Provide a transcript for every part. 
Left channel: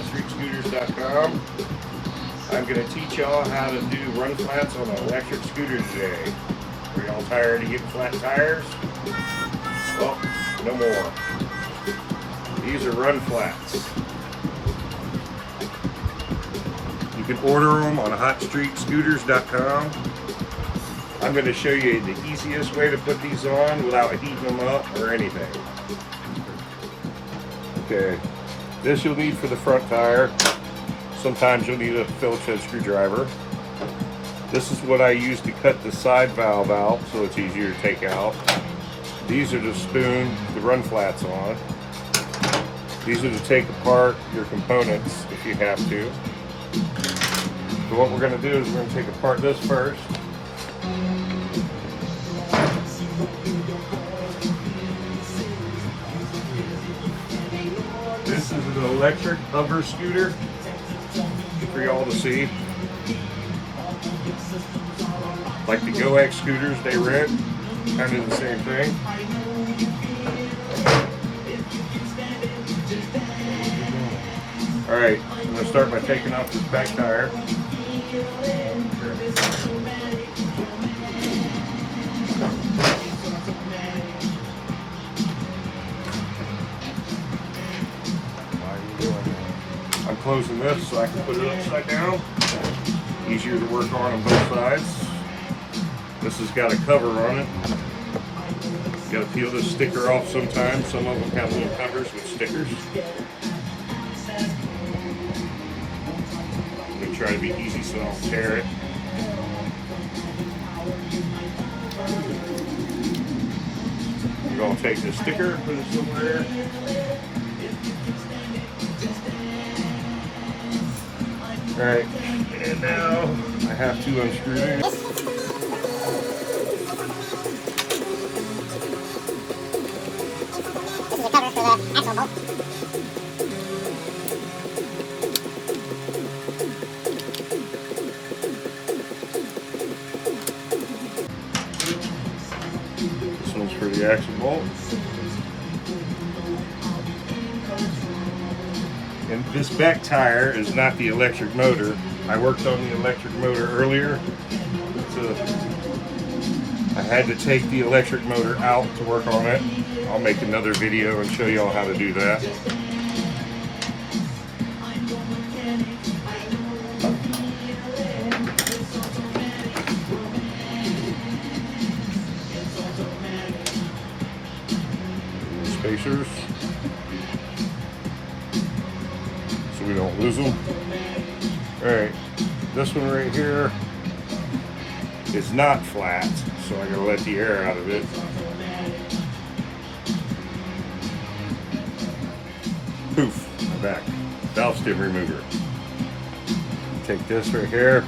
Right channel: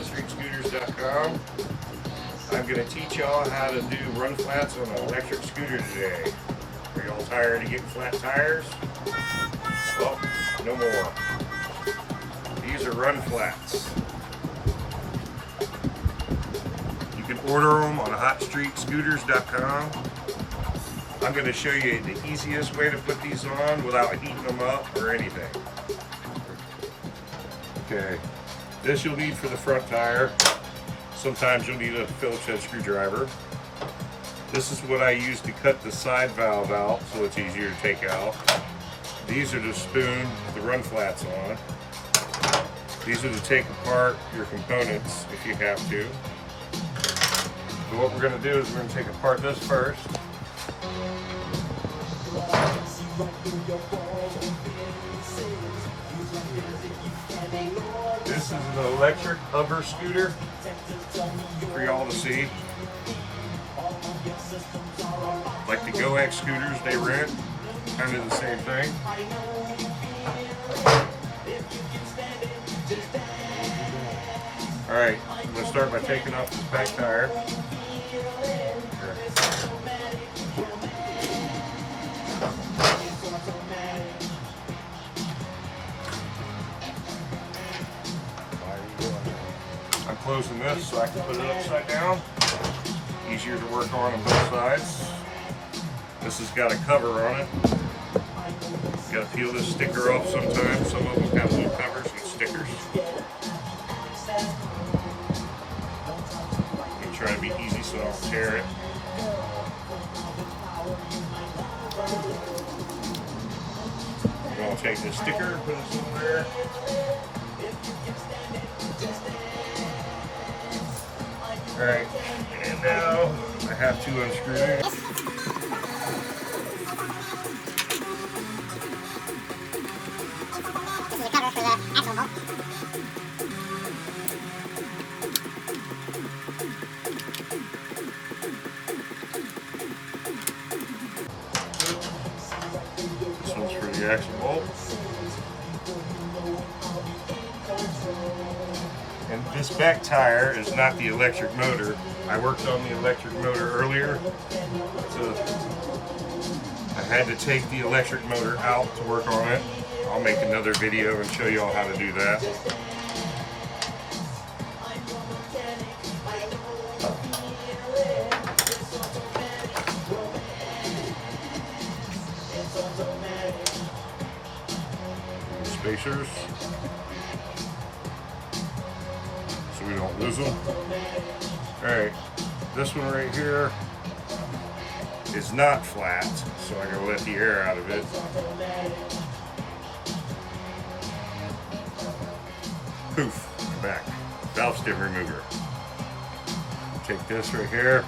HotStreetScooters.com. I'm going to teach y'all how to do run flats on an electric scooter today. Are y'all tired of getting flat tires? Well, no more. These are run flats. You can order them on HotStreetScooters.com. I'm going to show you the easiest way to put these on without heating them up or anything. Okay, this you'll need for the front tire. Sometimes you'll need a Phillips head screwdriver. This is what I use to cut the side valve out so it's easier to take out. These are to spoon the run flats on. These are to take apart your components if you have to. So what we're going to do is we're going to take apart this first. This is an electric hover scooter for y'all to see. Like the GoX scooters they rent, kind of the same thing. Alright, I'm going to start by taking off this back tire. I'm closing this so I can put it upside down. Easier to work on both sides. This has got a cover on it. You gotta peel this sticker off sometimes. Some of them got little covers with stickers. I'm gonna try to be easy so I don't tear it. I'm gonna take this sticker, put this over there. Alright, and now I have to unscrew these. This is a cover for the axle bolt. This one's for the axle bolt. And this back tire is not the electric motor. I worked on the electric motor earlier. So I had to take the electric motor out to work on it. I'll make another video and show you all how to do that. Spacers. So we don't lose them. Alright, this one right here is not flat, so I'm going to let the air out of it. Poof, back. Valve stem remover. Take this right here.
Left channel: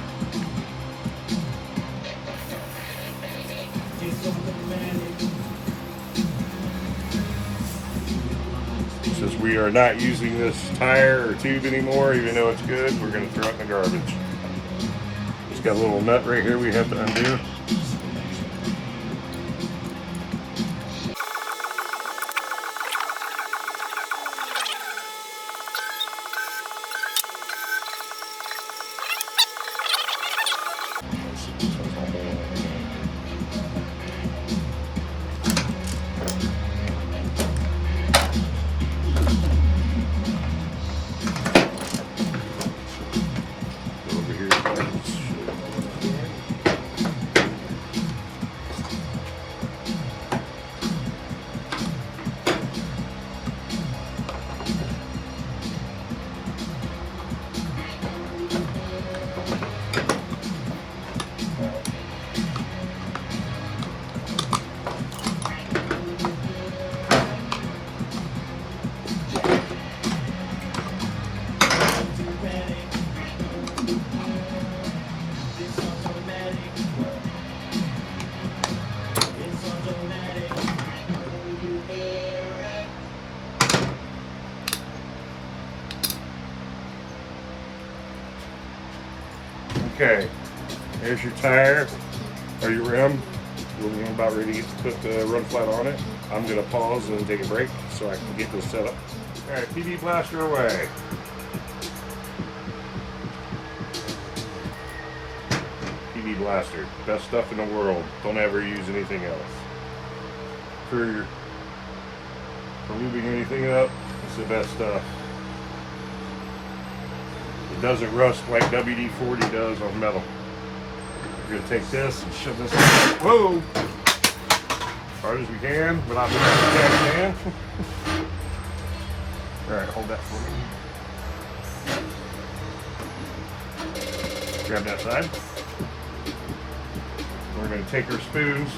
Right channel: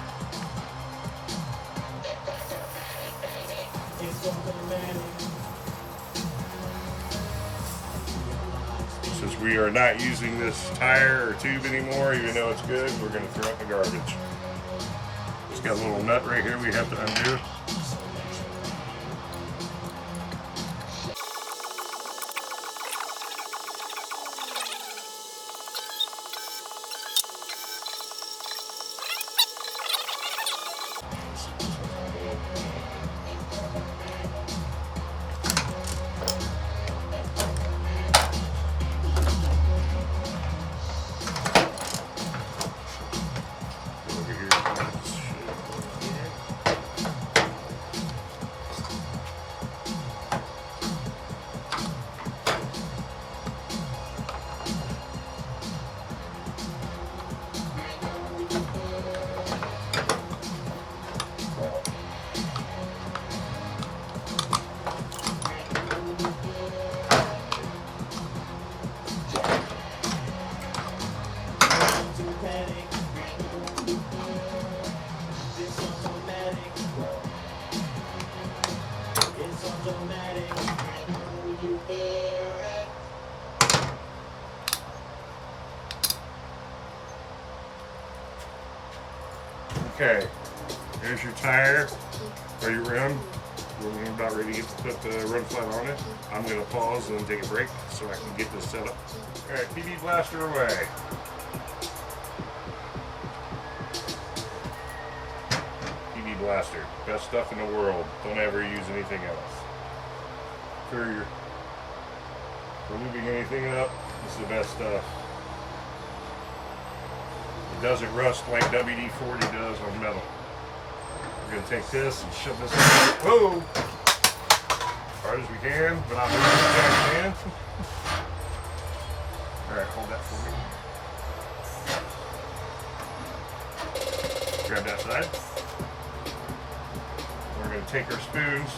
Since we are not using this tire or tube anymore, even though it's good, we're going to throw it in the garbage. It's got a little nut right here we have to undo. Okay, here's your tire or your rim. We're about ready to put the run flat on it. I'm going to pause and take a break so I can get this set up. All right, PB Blaster away. blaster. Best stuff in the world. Don't ever use anything else. For lubing anything up, it's the best stuff. It doesn't rust like WD-40 does on metal. We're gonna take this and shove this out. Whoa! As hard as we can, without moving the hand. Alright, hold that for me. Grab that side. We're going to take our spoons.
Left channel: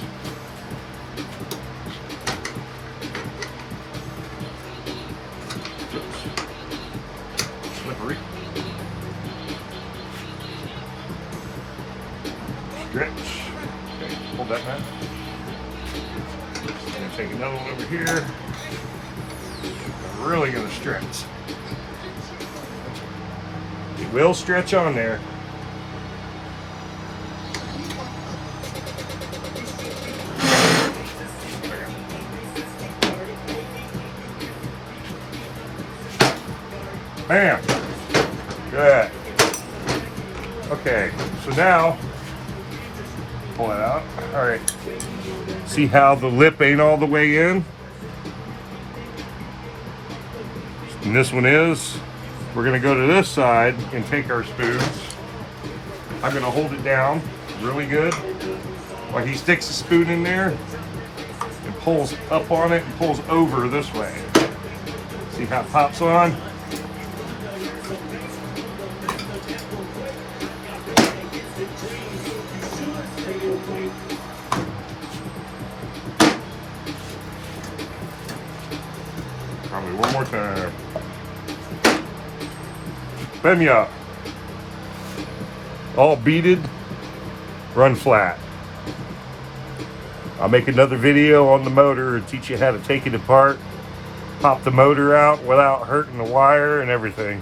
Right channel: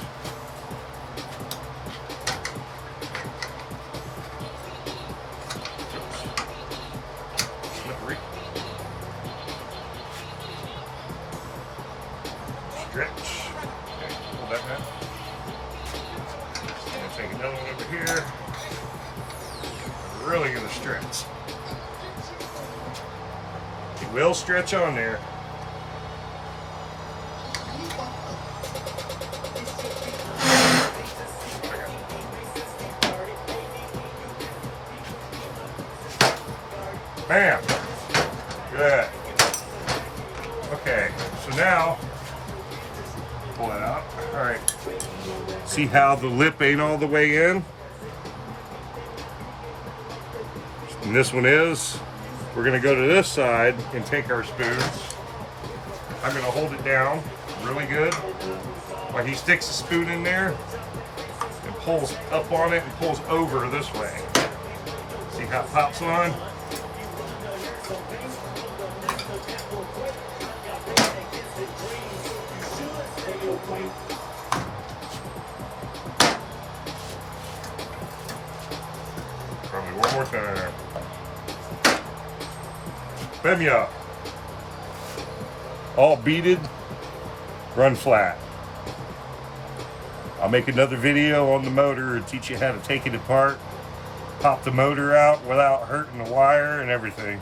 Slippery. Stretch. Okay, hold that back. I'm going to take another one over here. Really going to stretch. It will stretch on there. Bam! Good. Okay, so now, pull it out. All right. See how the lip ain't all the way in? And this one is. We're gonna go to this side and take our spoons. I'm gonna hold it down really good while he sticks the spoon in there and pulls up on it and pulls over this way. See how it pops on? Probably one more time. Bam me up. All beaded, run flat. I'll make another video on the motor and teach you how to take it apart, pop the motor out without hurting the wire and everything.